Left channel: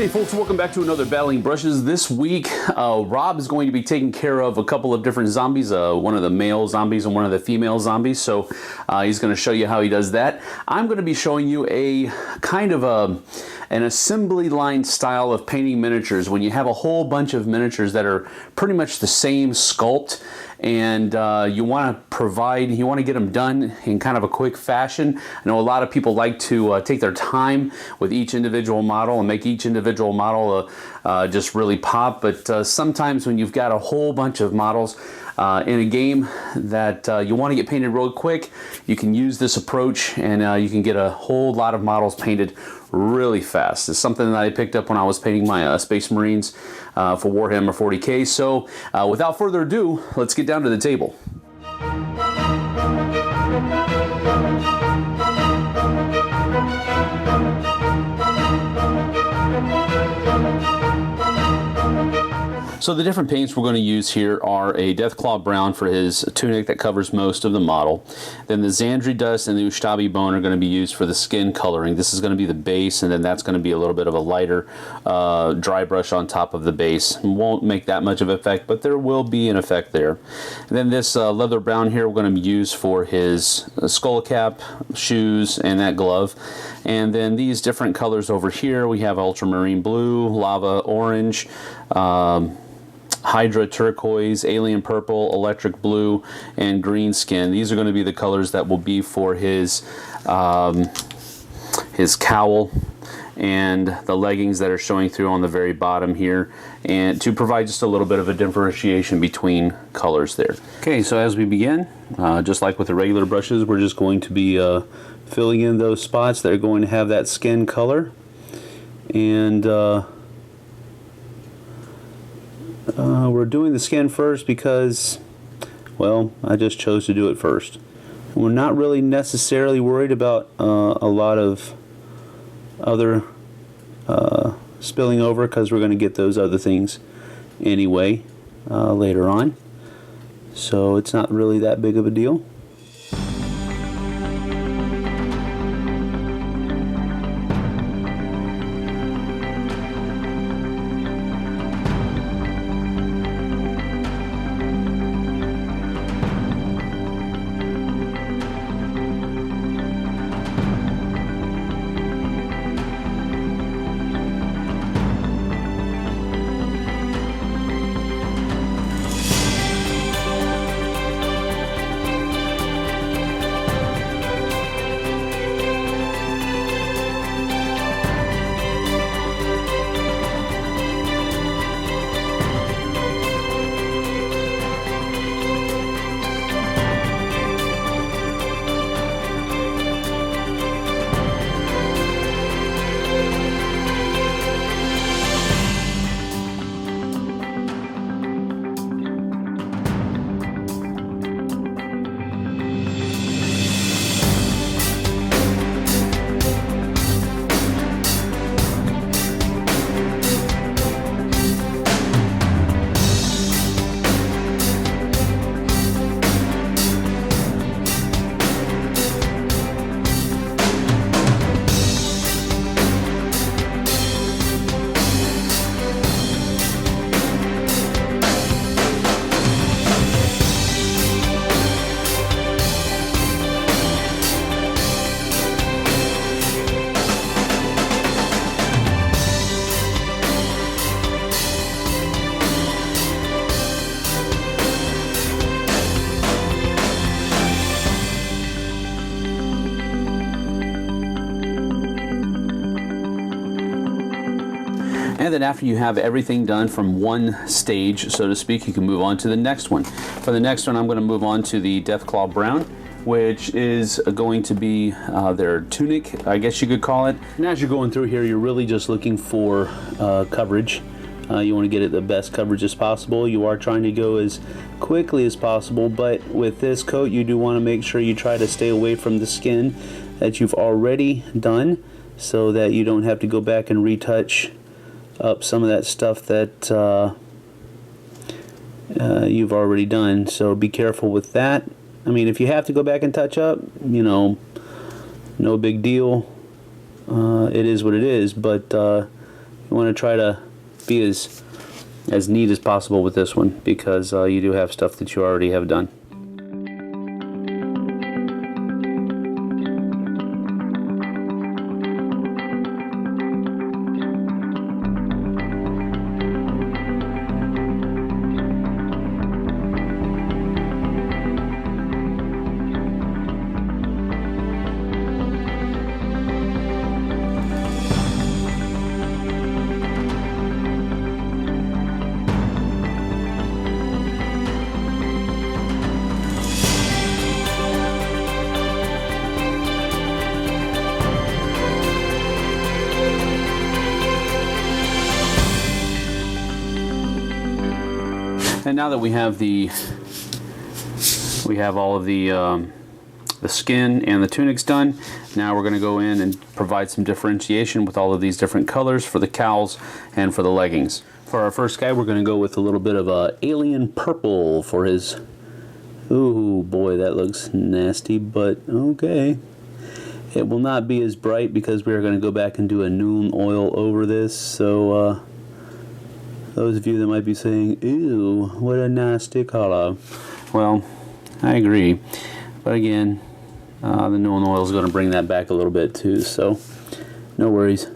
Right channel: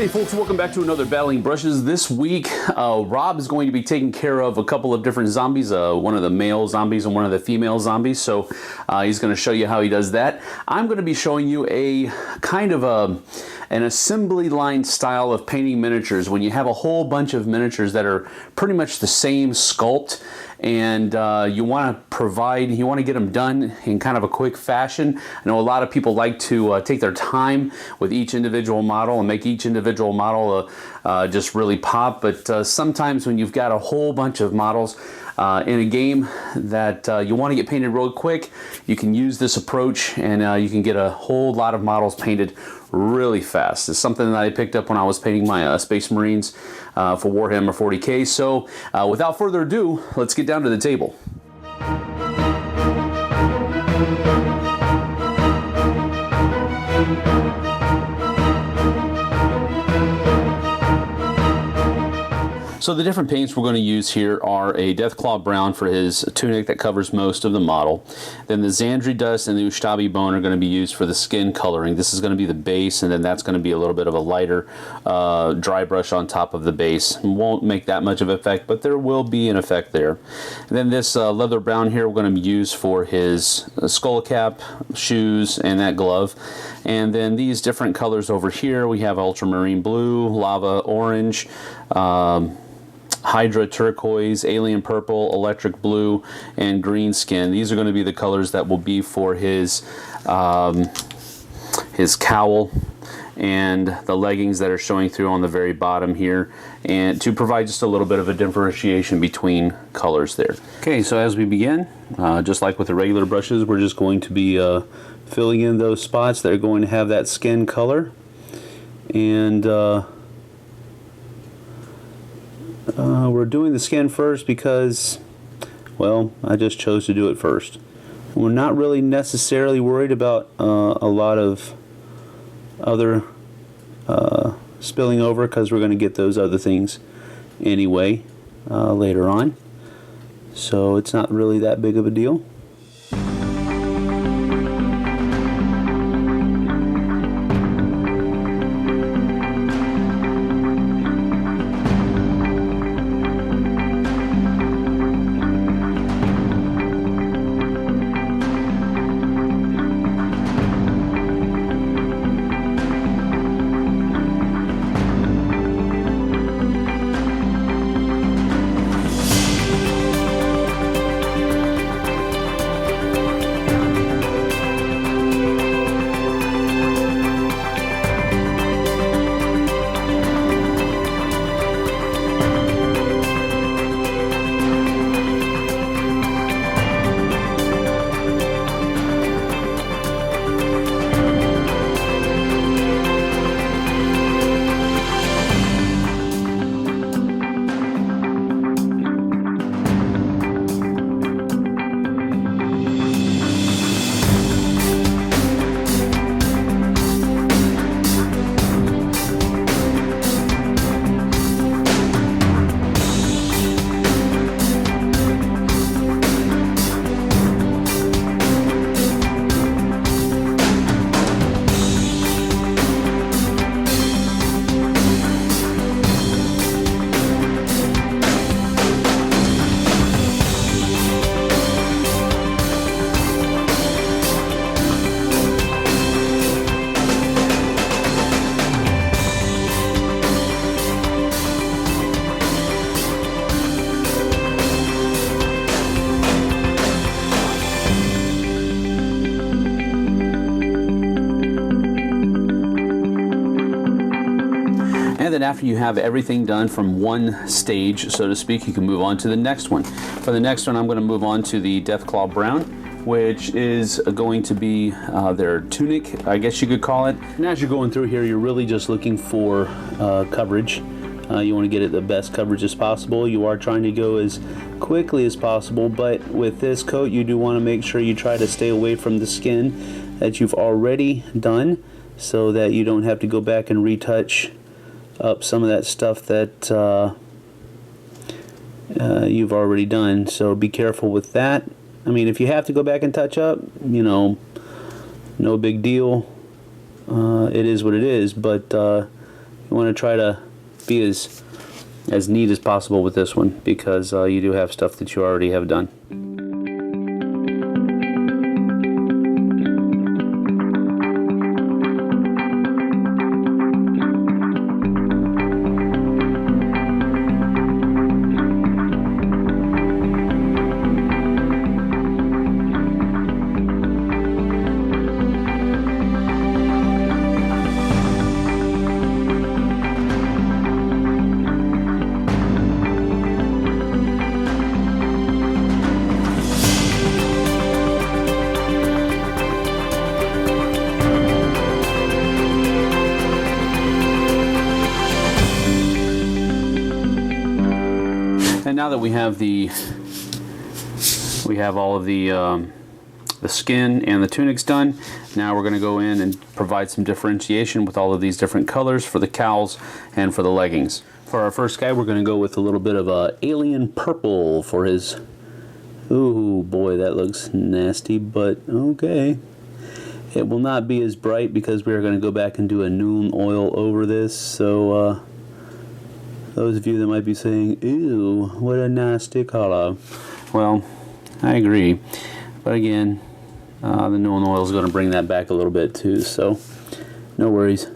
Hey folks, welcome back to another Battling Brushes. This week, Rob is going to be taking care of a couple of different zombies, one of the male zombies and one of the female zombies. So he's going to show you how he does that. I'm going to be showing you a kind of an assembly line style of painting miniatures when you have a whole bunch of miniatures that are pretty much the same sculpt, and you want to get them done in kind of a quick fashion. I know a lot of people like to take their time with each individual model and make each individual model just really pop, but sometimes when you've got a whole bunch of models in a game that you want to get painted real quick, you can use this approach and you can get a whole lot of models painted really fast. It's something that I picked up when I was painting my Space Marines for Warhammer 40K. So without further ado, let's get down to the table. So the different paints we're going to use here are a Deathclaw Brown for his tunic that covers most of the model. Then the Xandri Dust and the Ustabi Bone are going to be used for the skin coloring. This is going to be the base, and then that's going to be a little bit of a lighter dry brush on top of the base. It won't make that much of an effect, but there will be an effect there. And then this Leather Brown here we're going to use for his skull cap, shoes, and that glove. And then these different colors over here, we have Ultramarine Blue, Lava Orange, Hydra Turquoise, Alien Purple, Electric Blue, and Green Skin. These are going to be the colors that will be for his cowl and the leggings that are showing through on the very bottom here, and to provide just a little bit of a differentiation between colors there. Okay, so as we begin, just like with the regular brushes, we're just going to be filling in those spots that are going to have that skin color, and we're doing the skin first because, well, I just chose to do it first. We're not really necessarily worried about a lot of other spilling over, because we're going to get those other things anyway later on. So it's not really that big of a deal. And then after you have everything done from one stage, so to speak, you can move on to the next one. For the next one, I'm going to move on to the Deathclaw Brown, which is going to be their tunic, I guess you could call it. And as you're going through here, you're really just looking for coverage. You want to get it the best coverage as possible. You are trying to go as quickly as possible, but with this coat, you do want to make sure you try to stay away from the skin that you've already done, so that you don't have to go back and retouch up some of that stuff that you've already done. So be careful with that. I mean, if you have to go back and touch up, you know, no big deal. It is what it is, but you want to try to be as neat as possible with this one, because you do have stuff that you already have done. And now that we have all of the skin and the tunics done, now we're going to go in and provide some differentiation with all of these different colors for the cowls and for the leggings. For our first guy, we're going to go with a little bit of alien purple for his... Ooh boy, that looks nasty, but okay. It will not be as bright because we're going to go back and do a Nuln Oil over this, so those of you that might be saying, ew, what a nasty color. Well, I agree. But again, the Nuln Oil is going to bring that back a little bit too, so no worries.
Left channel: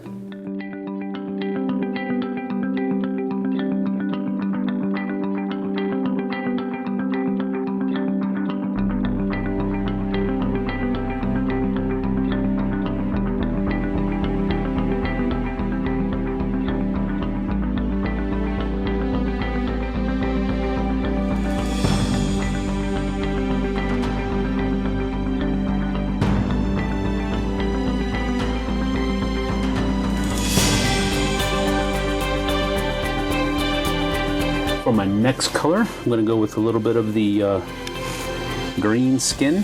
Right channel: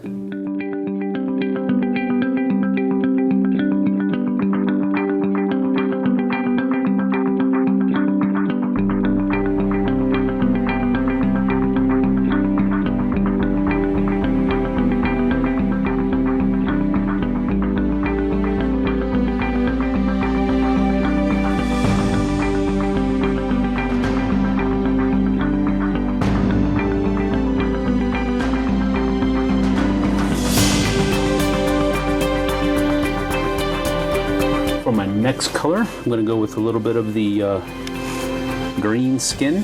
For my next color, I'm going to go with a little bit of the green skin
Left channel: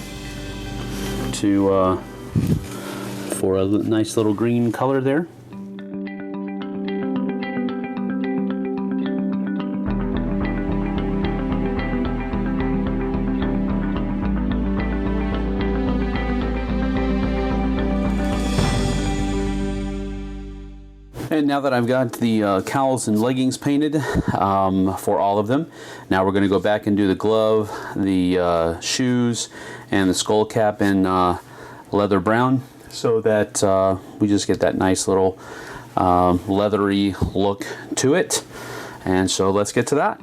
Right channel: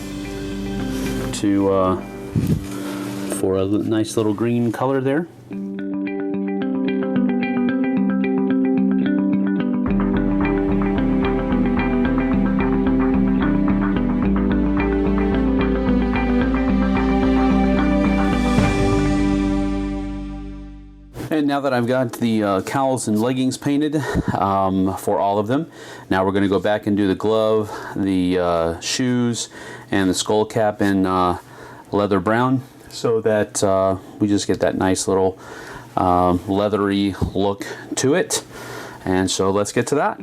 for a nice little green color there. And now that I've got the cowls and leggings painted for all of them, now we're going to go back and do the glove, the shoes, and the skull cap in leather brown, so that we just get that nice little leathery look to it. And so let's get to that.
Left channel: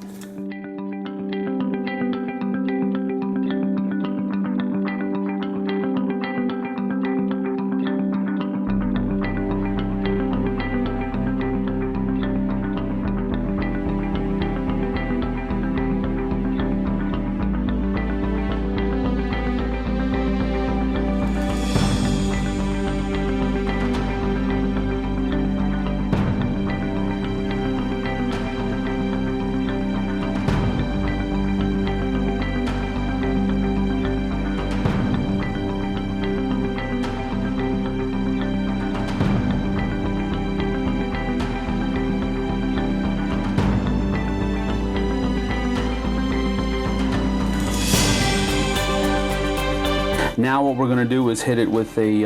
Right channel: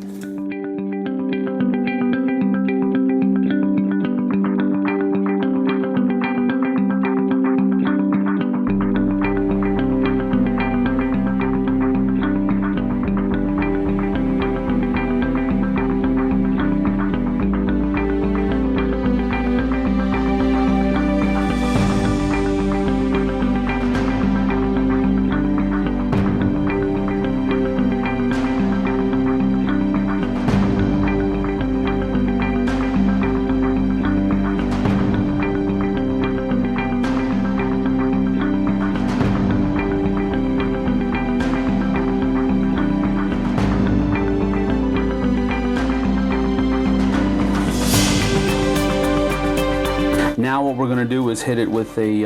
Now what we're going to do is hit it with a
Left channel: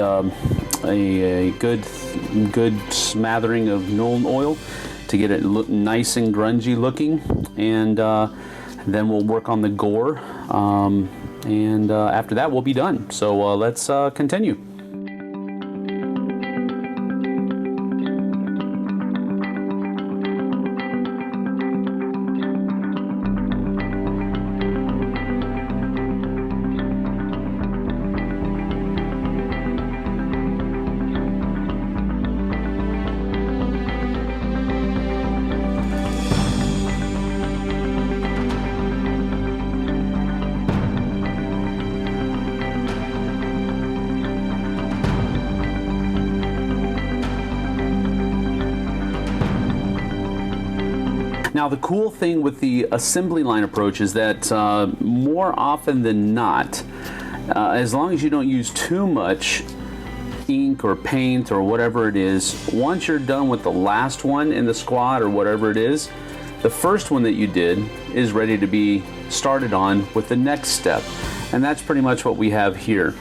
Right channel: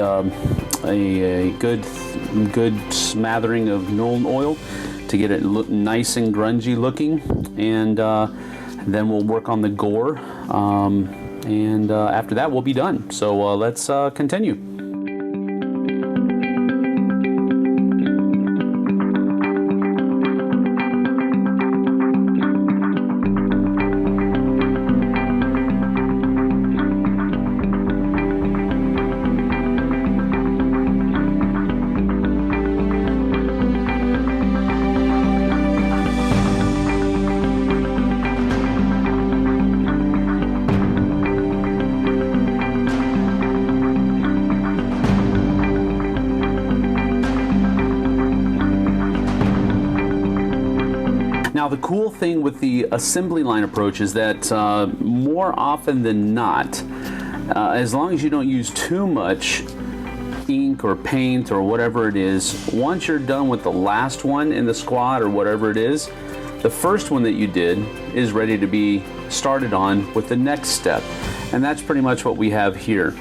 good smattering of Nuln Oil to get it look nice and grungy looking, and then we'll work on the gore, and after that we'll be done. So let's continue. Now the cool thing with the assembly line approach is that more often than not, as long as you don't use too much ink or paint or whatever it is, once you're done with the last one in the squad or whatever it is, the first one that you did is ready to be started on with the next step. And that's pretty much what we have here.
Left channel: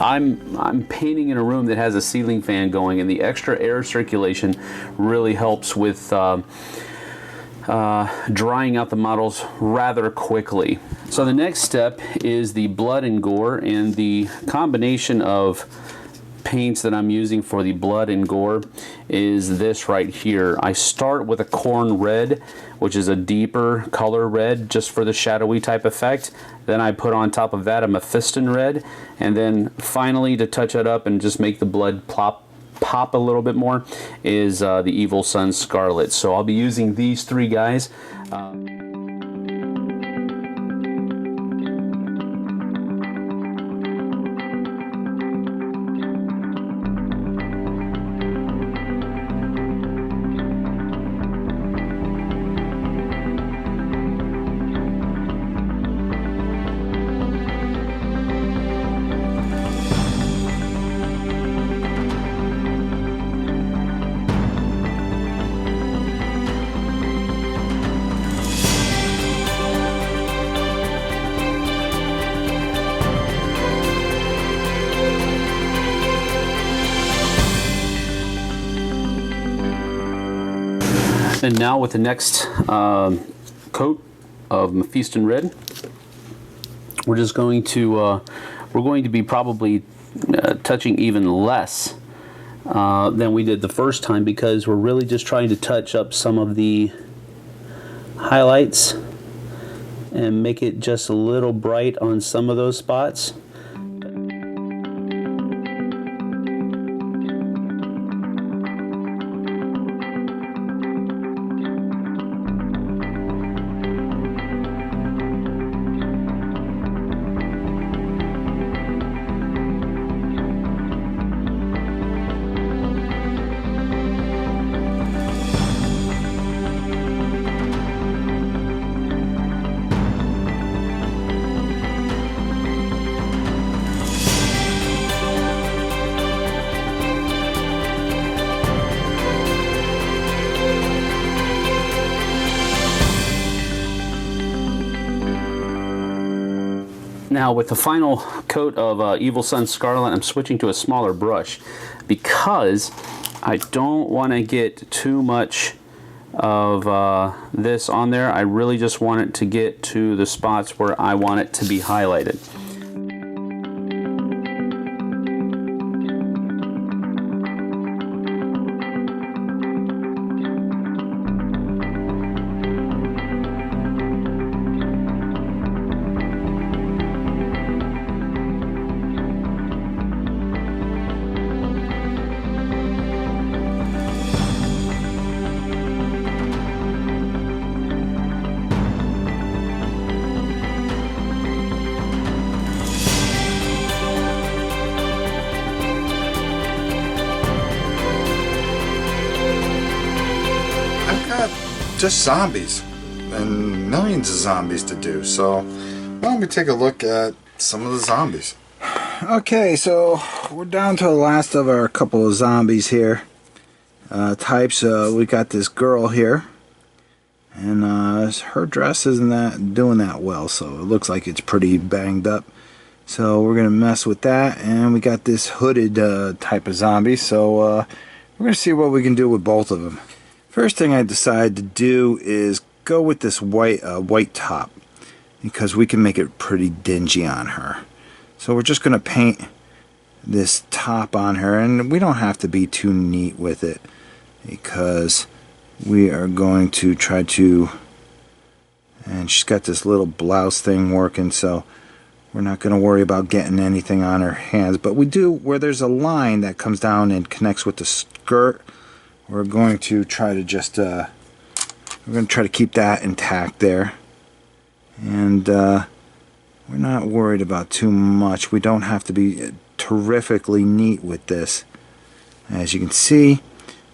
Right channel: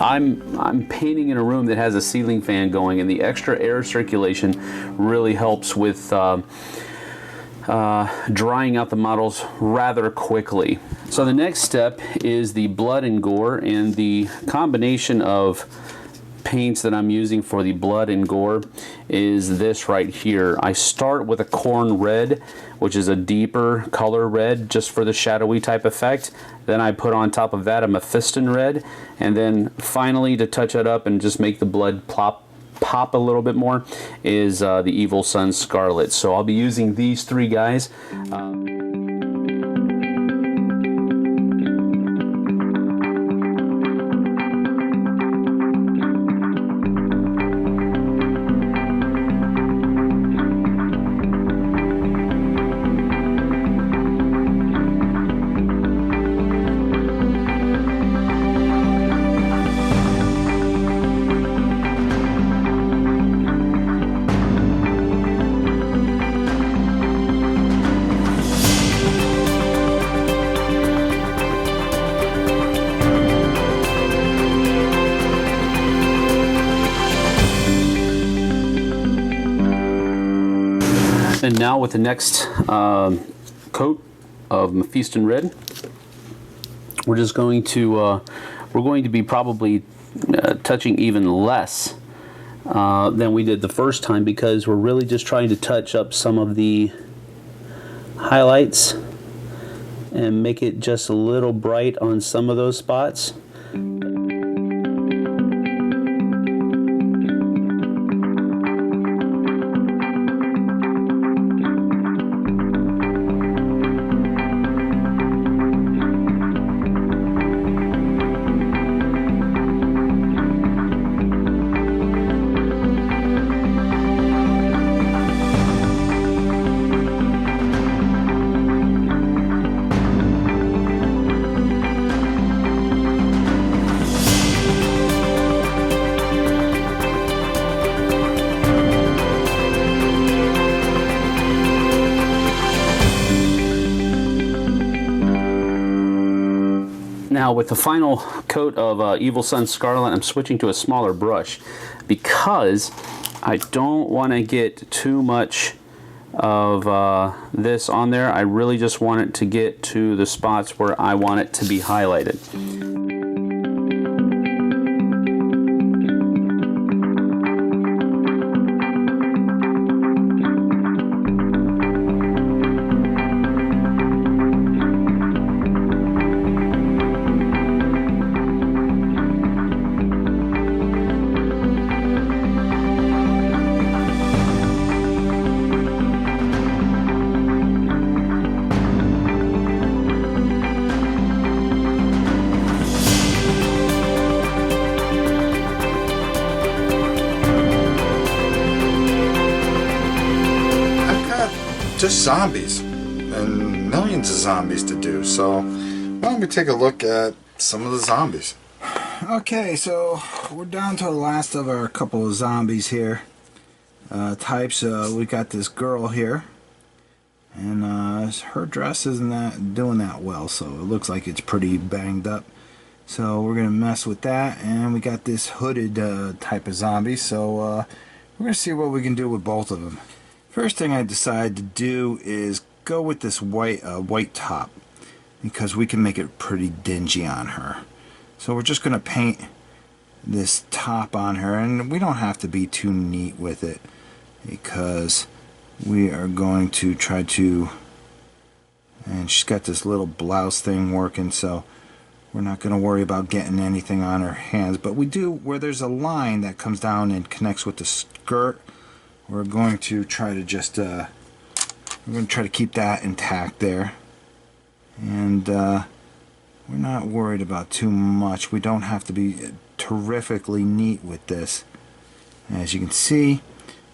I'm painting in a room that has a ceiling fan going, and the extra air circulation really helps with drying out the models rather quickly. So the next step is the blood and gore, and the combination of paints that I'm using for the blood and gore is this right here. I start with a corn red, which is a deeper color red just for the shadowy type effect. Then I put on top of that a mephiston red, and then finally, to touch it up and just make the blood pop a little bit more, is the Evil Son Scarlet. So I'll be using these three guys. And now with the next coat of mephiston red, we're just going to be probably touching even less than we did the first time, because we're really just trying to touch up some of the highlights and make it just a little bright on some of those spots. Now with the final coat of Evil Son Scarlet, I'm switching to a smaller brush because I don't want to get too much of this on there. I really just want it to get to the spots where I want it to be highlighted. Just zombies and millions of zombies to do, so why don't we take a look at some of the zombies. Okay, so we're down to the last of our couple of zombies here. Types. We got this girl here, and her dress isn't doing that well, so it looks like it's pretty banged up. So we're gonna mess with that, and we got this hooded type of zombie, so we're gonna see what we can do with both of them. First thing I decided to do is go with this white top, because we can make it pretty dingy on her. So we're just going to paint this top on her, and we don't have to be too neat with it, because we are going to try to, and she's got this little blouse thing working, so we're not going to worry about getting anything on her hands. But we do, where there's a line that comes down and connects with the skirt, we're going to try to just we're going to try to keep that intact there, and we're not worried about too much. We don't have to be terrifically neat with this, as you can see.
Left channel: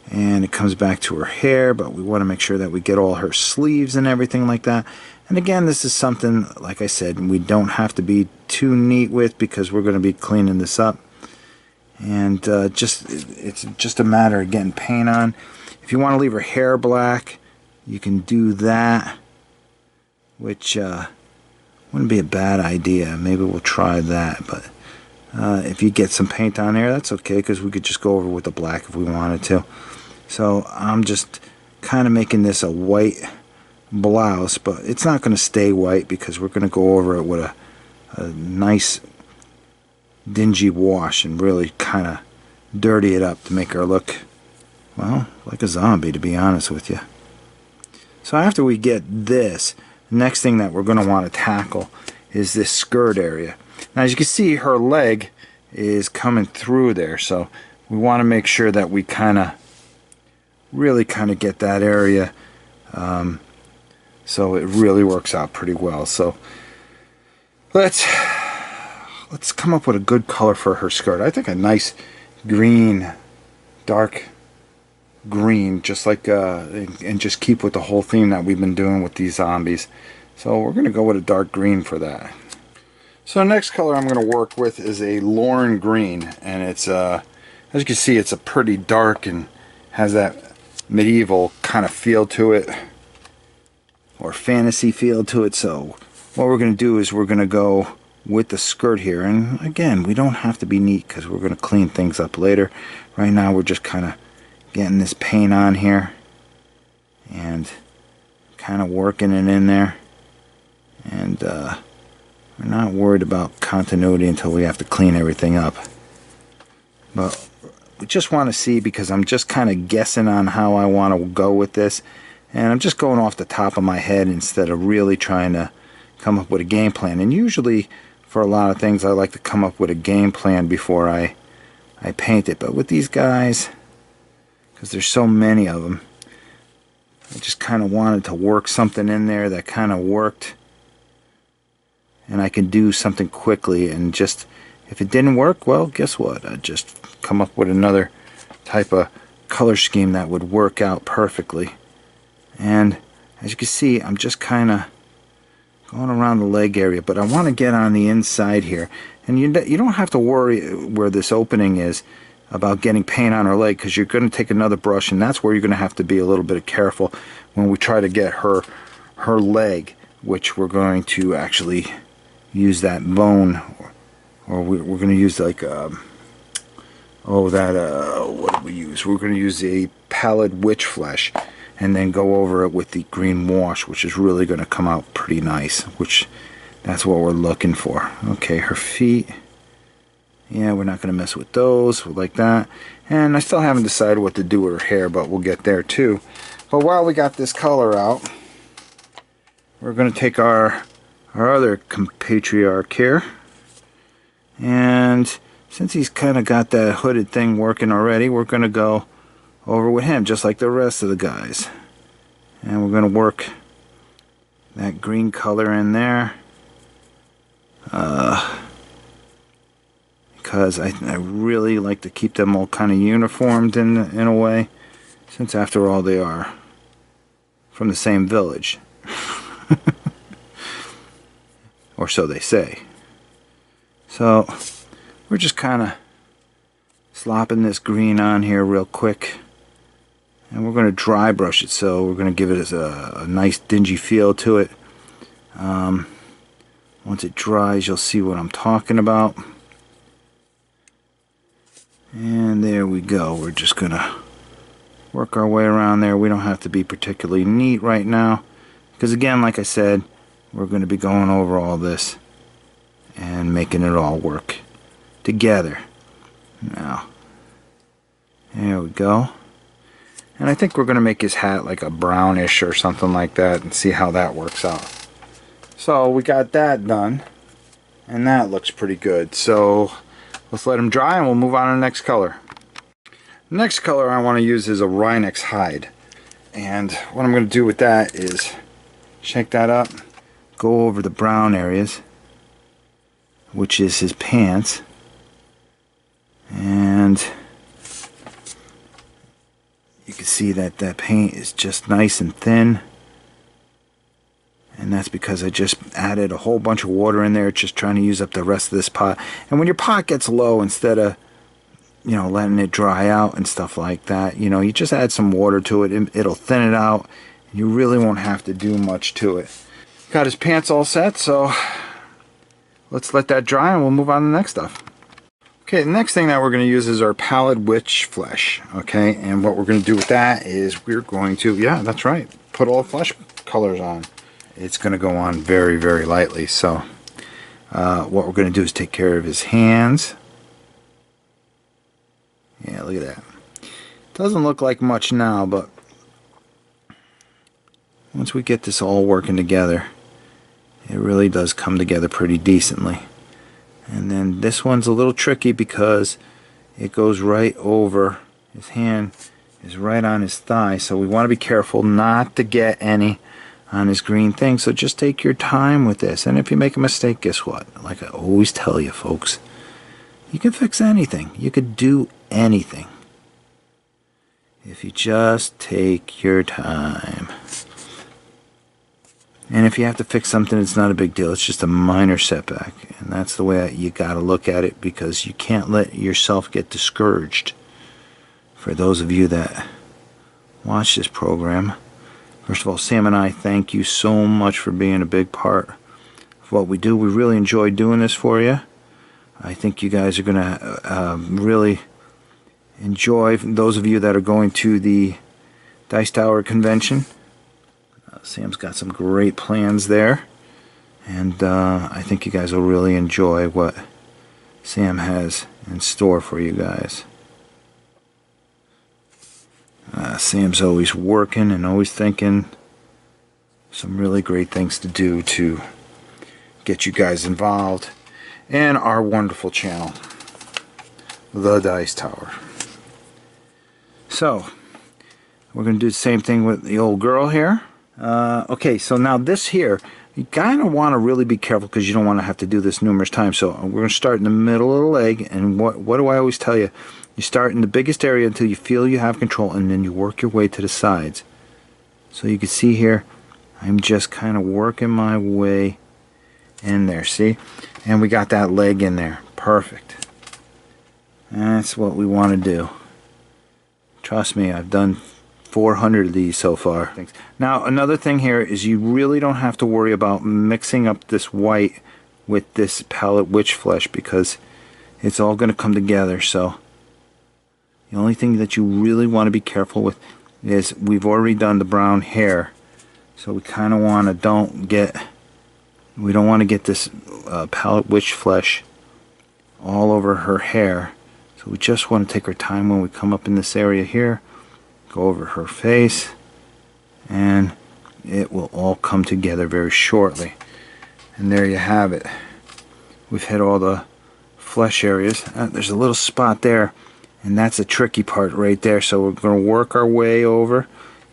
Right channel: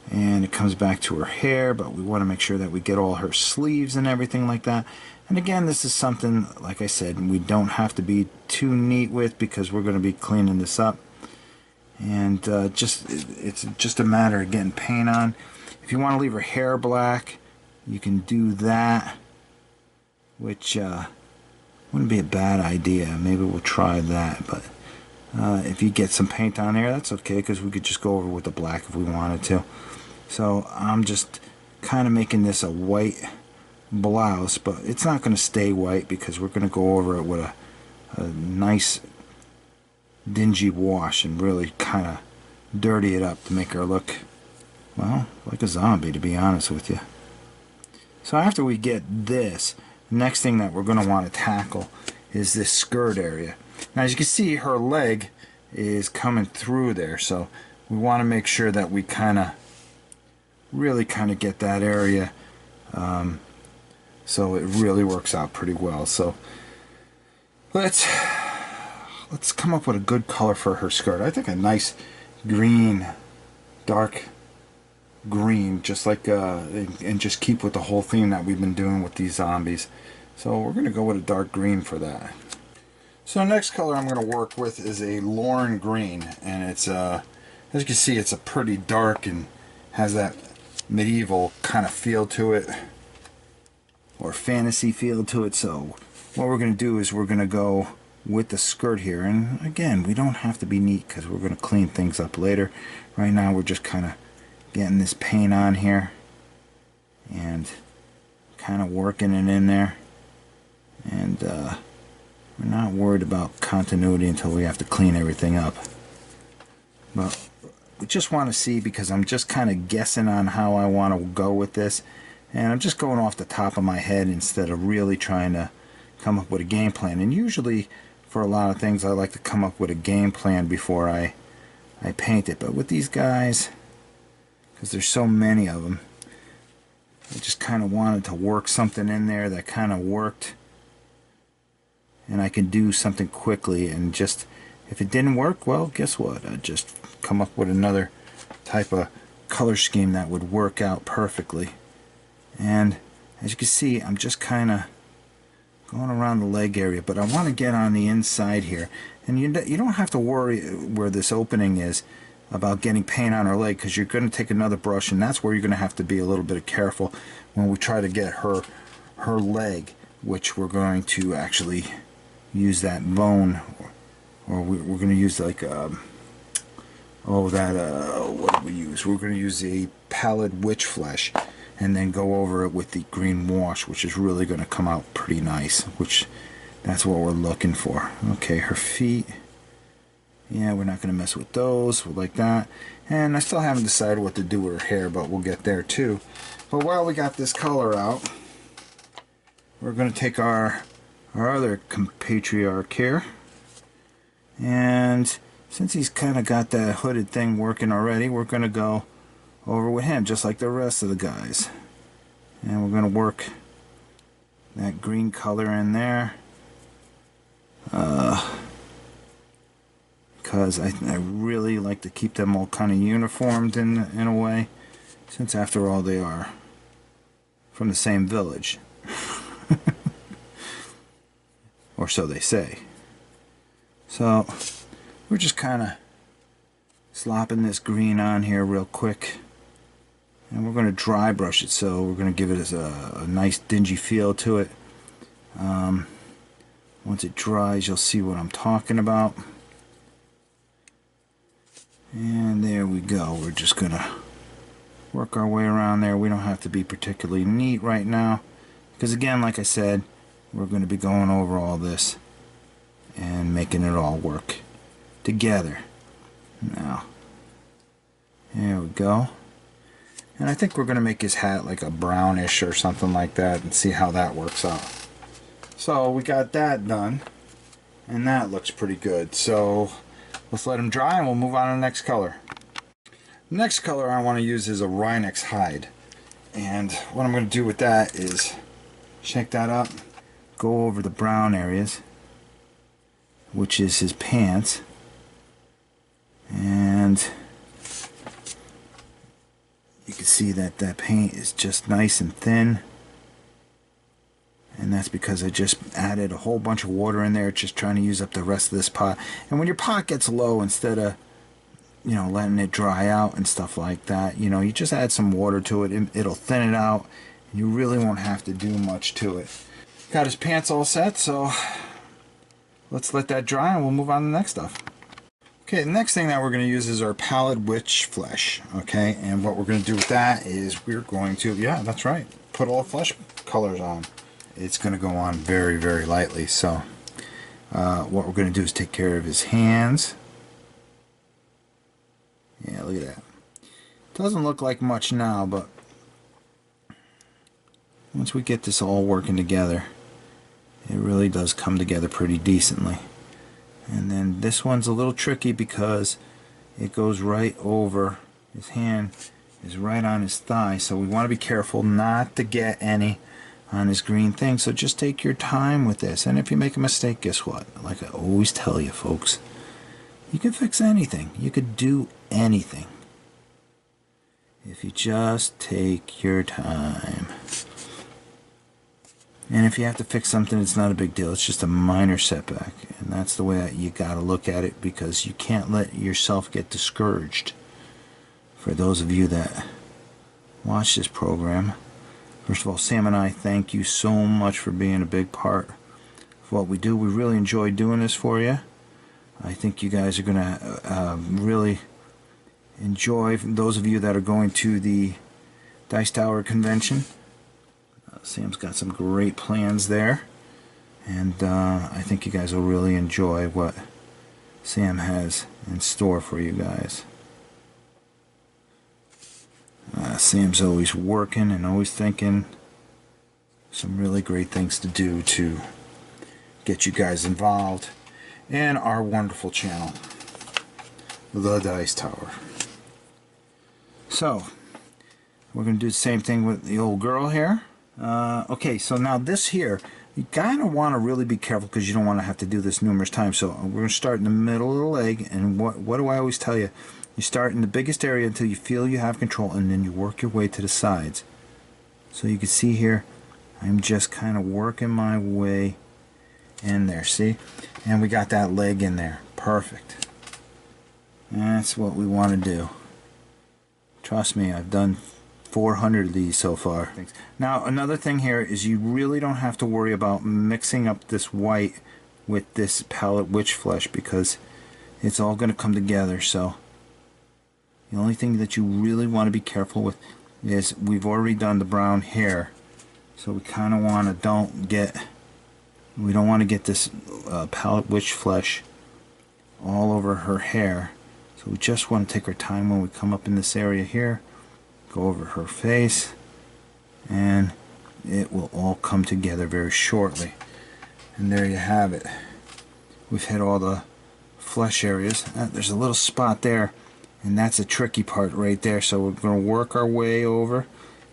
And it comes back to her hair, but we want to make sure that we get all her sleeves and everything like that. And again, this is something, like I said, we don't have to be too neat with, because we're going to be cleaning this up. And it's just a matter of getting paint on. If you want to leave her hair black, you can do that, which wouldn't be a bad idea. Maybe we'll try that, but If you get some paint on there, that's okay, because we could just go over with the black if we wanted to. So I'm just kind of making this a white blouse, but it's not going to stay white because we're going to go over it with a nice dingy wash and really kind of dirty it up to make her look, well, like a zombie, to be honest with you. So after we get this, the next thing that we're going to want to tackle is this skirt area. Now, as you can see, her leg is coming through there, so we want to make sure that we really get that area so it really works out pretty well. So let's come up with a good color for her skirt. I think a nice green, dark green, just like and just keep with the whole theme that we've been doing with these zombies. So we're going to go with a dark green for that. So next color I'm going to work with is a Lorne Greene, and it's as you can see, it's a pretty dark and has that medieval kind of feel to it, or fantasy feel to it. So what we're going to do is we're going to go with the skirt here, and again, we don't have to be neat because we're going to clean things up later. Right now we're just kind of getting this paint on here and kind of working it in there, and we're not worried about continuity until we have to clean everything up. But we just want to see, because I'm just kind of guessing on how I want to go with this, and I'm just going off the top of my head instead of really trying to come up with a game plan. And usually for a lot of things I like to come up with a game plan before I paint it, but with these guys, because there's so many of them, I just kind of wanted to work something in there that kind of worked, and I can do something quickly. And just, if it didn't work, well, guess what? I'd just come up with another type of color scheme that would work out perfectly. And as you can see, I'm just kind of going around the leg area, but I want to get on the inside here. And you don't have to worry where this opening is about getting paint on her leg, because you're going to take another brush, and that's where you're going to have to be a little bit careful when we try to get her leg, which we're going to actually use that bone, or we're going to use like what do we use? We're going to use a pallid witch flesh, and then go over it with the green wash, which is really going to come out pretty nice, which that's what we're looking for. Okay, her feet, yeah, we're not going to mess with those like that. And I still haven't decided what to do with her hair, but we'll get there too. But while we got this color out, we're going to take our other compatriarch here, and since he's kind of got that hooded thing working already, we're going to go over with him just like the rest of the guys, and we're going to work that green color in there because I really like to keep them all kind of uniformed in a way, since after all they are from the same village. Or so they say. So we're just kind of slopping this green on here real quick, and we're going to dry brush it, so we're going to give it a nice dingy feel to it. Once it dries, you'll see what I'm talking about. And there we go. We're just going to work our way around there. We don't have to be particularly neat right now, because again, like I said, we're going to be going over all this and making it all work together. Now, there we go. And I think we're going to make his hat like a brownish or something like that, and see how that works out. So we got that done, and that looks pretty good. So let's let him dry, and we'll move on to the next color. The next color I want to use is a Rhinex hide. And what I'm going to do with that is shake that up, go over the brown areas, which is his pants, and you can see that that paint is just nice and thin, and that's because I just added a whole bunch of water in there, just trying to use up the rest of this pot. And when your pot gets low, instead of letting it dry out and stuff like that, you just add some water to it, and it'll thin it out, and you really won't have to do much to it. Got his pants all set, so let's let that dry and we'll move on to the next stuff. Okay, the next thing that we're going to use is our pallid witch flesh. Okay, and what we're going to do with that is we're going to, yeah, that's right, put all flesh colors on. It's going to go on very, very lightly. So what we're going to do is take care of his hands. Yeah, look at that. Doesn't look like much now, but once we get this all working together, it really does come together pretty decently. And then this one's a little tricky because it goes right over, his hand is right on his thigh, so we want to be careful not to get any on his green thing. So just take your time with this, and if you make a mistake, guess what? Like I always tell you folks, you can fix anything. You could do anything if you just take your time. And if you have to fix something, it's not a big deal. It's just a minor setback. And that's the way you got to look at it, because you can't let yourself get discouraged. For those of you that watch this program, first of all, Sam and I thank you so much for being a big part of what we do. We really enjoy doing this for you. I think you guys are going to really enjoy, those of you that are going to the Dice Tower convention. Sam's got some great plans there, and I think you guys will really enjoy what Sam has in store for you guys. Sam's always working and always thinking some really great things to do to get you guys involved in our wonderful channel, the Dice Tower. So we're going to do the same thing with the old girl here. Okay, so now this here, you kind of want to really be careful because you don't want to have to do this numerous times. So we're going to start in the middle of the leg, and what do I always tell you? You start in the biggest area until you feel you have control, and then you work your way to the sides. So you can see here, I'm just kind of working my way in there, see? And we got that leg in there. Perfect. That's what we want to do. Trust me, I've done 400 of these so far. Now another thing here is you really don't have to worry about mixing up this white with this pallid witch flesh, because it's all going to come together. So the only thing that you really want to be careful with is we've already done the brown hair, so we kind of want to we don't want to get this pallid witch flesh all over her hair. So we just want to take our time when we come up in this area here, go over her face, and it will all come together very shortly. And there you have it. We've hit all the flesh areas. There's a little spot there, and that's a tricky part right there. So we're going to work our way over,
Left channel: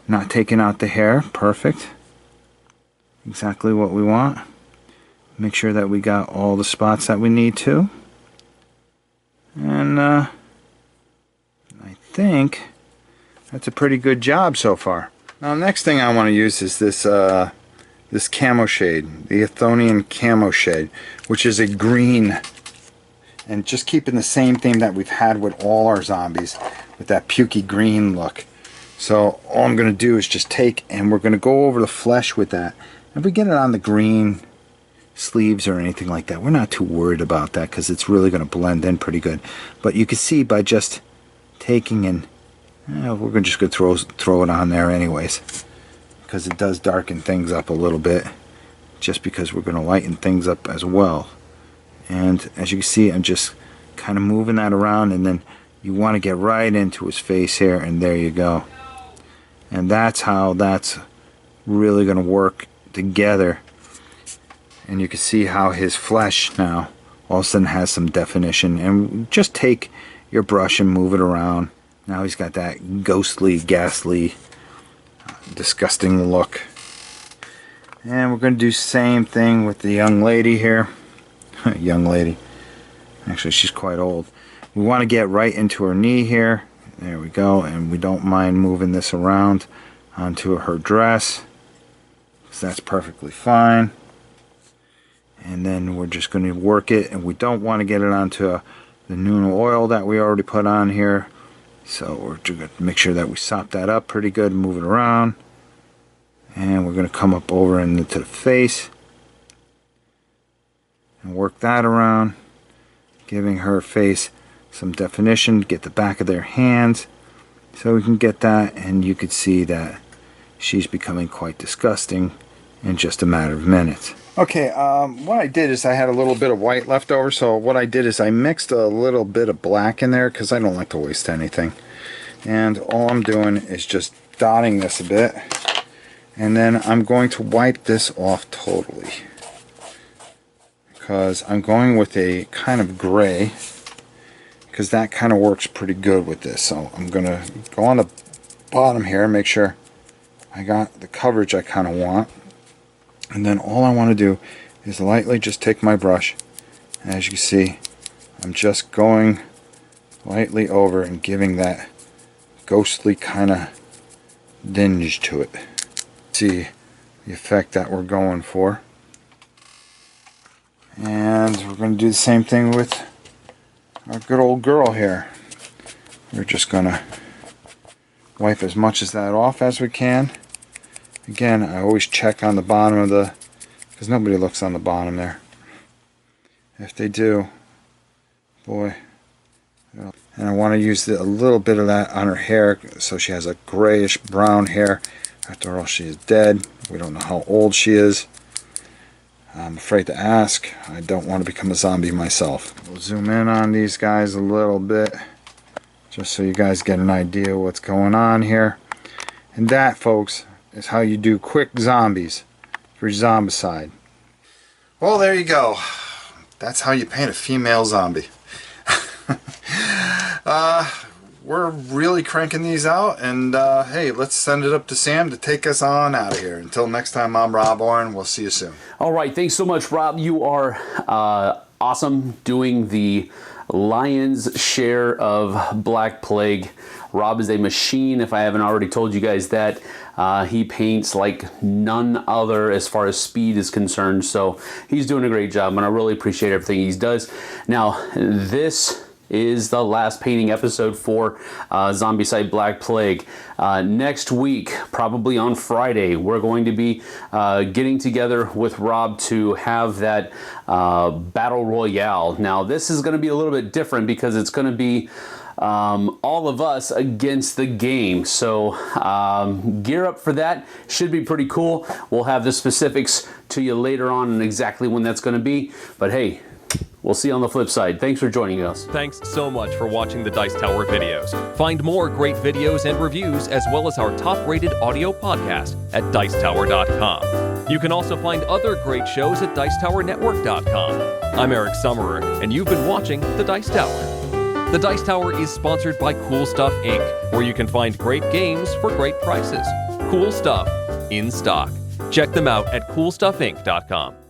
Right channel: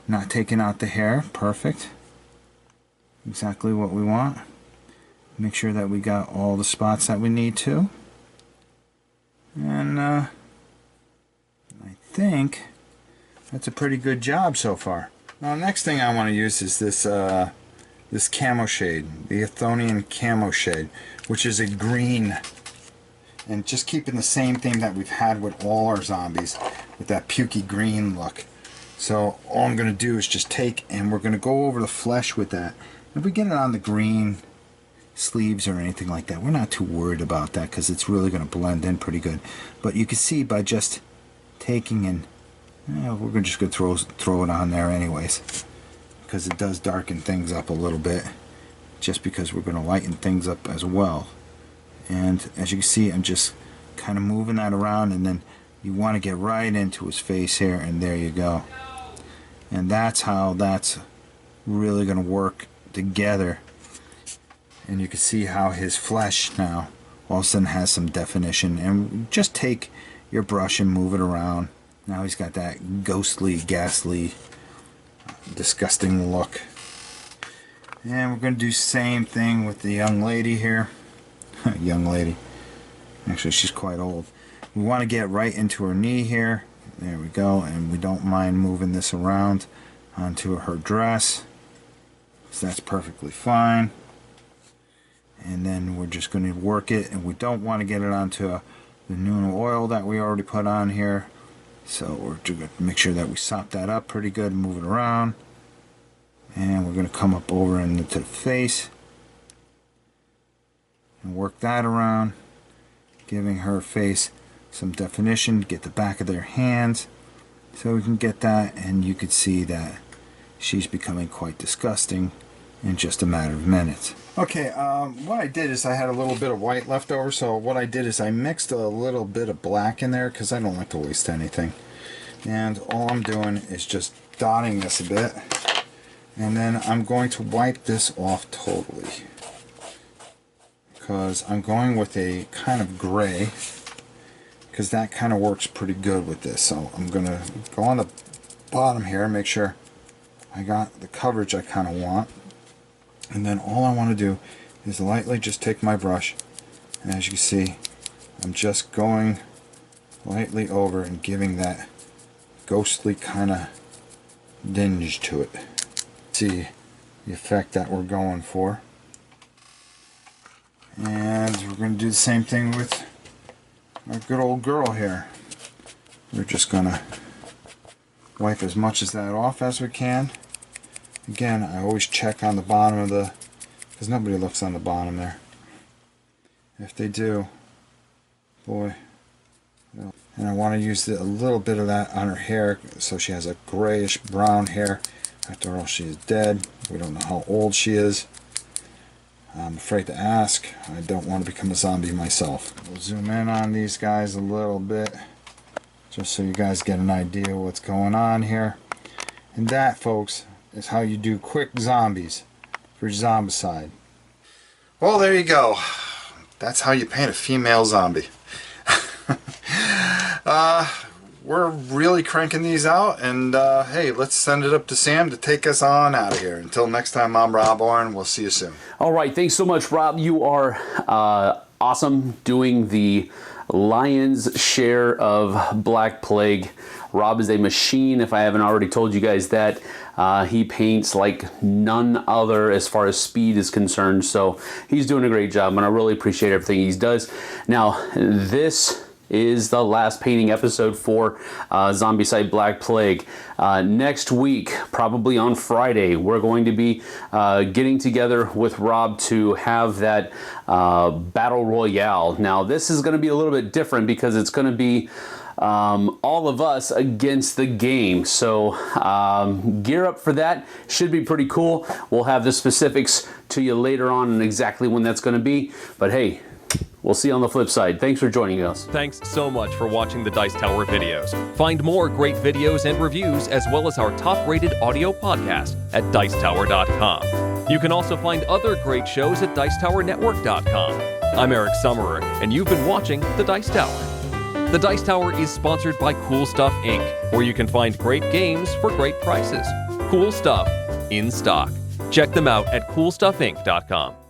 not taking out the hair. Perfect. Exactly what we want. Make sure that we got all the spots that we need to. And I think that's a pretty good job so far. Now, next thing I want to use is this this Camo Shade, the Athonian Camo Shade, which is a green, and just keeping the same theme that we've had with all our zombies, with that pukey green look. So all I'm going to do is just take, and we're going to go over the flesh with that. If we get it on the green sleeves or anything like that, we're not too worried about that because it's really going to blend in pretty good. But you can see by just taking and we're just going to throw it on there anyways, because it does darken things up a little bit, just because we're going to lighten things up as well. And as you can see, I'm just kind of moving that around, and then you want to get right into his face here, and there you go. And that's how that's really going to work together. And you can see how his flesh now all of a sudden has some definition. And just take your brush and move it around. Now he's got that ghostly, ghastly, disgusting look. And we're going to do the same thing with the young lady here. Young lady. Actually, she's quite old. We want to get right into her knee here. There we go. And we don't mind moving this around onto her dress, so that's perfectly fine. And then we're just going to work it, and we don't want to get it onto the Nuno oil that we already put on here. So we're just going to make sure that we sop that up pretty good and move it around. And we're going to come up over into the face and work that around, giving her face some definition, get the back of their hands. So we can get that, and you could see that she's becoming quite disgusting in just a matter of minutes. Okay, what I did is I had a little bit of white left over, so what I did is I mixed a little bit of black in there because I don't like to waste anything. And all I'm doing is just dotting this a bit, and then I'm going to wipe this off totally because I'm going with a kind of gray, because that kind of works pretty good with this. So I'm going to go on the bottom here and make sure I got the coverage I kind of want. And then all I want to do is lightly just take my brush, and as you can see, I'm just going lightly over and giving that ghostly kind of dinge to it. See the effect that we're going for. And we're going to do the same thing with our good old girl here. We're just going to wipe as much of that off as we can. Again, I always check on the bottom of the, because nobody looks on the bottom there. If they do, boy. And I want to use a little bit of that on her hair, so she has a grayish brown hair. After all, she is dead. We don't know how old she is. I'm afraid to ask. I don't want to become a zombie myself. We'll zoom in on these guys a little bit, just so you guys get an idea what's going on here. And that, folks, is how you do quick zombies for Zombicide. Well, there you go. That's how you paint a female zombie. We're really cranking these out, and hey, let's send it up to Sam to take us on out of here. Until next time, I'm Rob Oren. We'll see you soon. All right, thanks so much, Rob. You are awesome doing the lion's share of Black Plague. Rob is a machine, if I haven't already told you guys that. He paints like none other as far as speed is concerned, so he's doing a great job, and I really appreciate everything he does. Now, this is the last painting episode for Zombicide Black Plague. Next week, probably on Friday, we're going to be getting together with Rob to have that Battle Royale. Now, this is going to be a little bit different because it's going to be all of us against the game. So gear up for that. Should be pretty cool. We'll have the specifics to you later on and exactly when that's going to be. But hey, we'll see you on the flip side. Thanks for joining us. Thanks so much for watching the Dice Tower videos. Find more great videos and reviews, as well as our top-rated audio podcast at Dicetower.com. You can also find other great shows at Dicetowernetwork.com. I'm Eric Summerer, and you've been watching The Dice Tower. The Dice Tower is sponsored by Cool Stuff Inc., where you can find great games for great prices. Cool stuff in stock. Check them out at CoolStuffInc.com.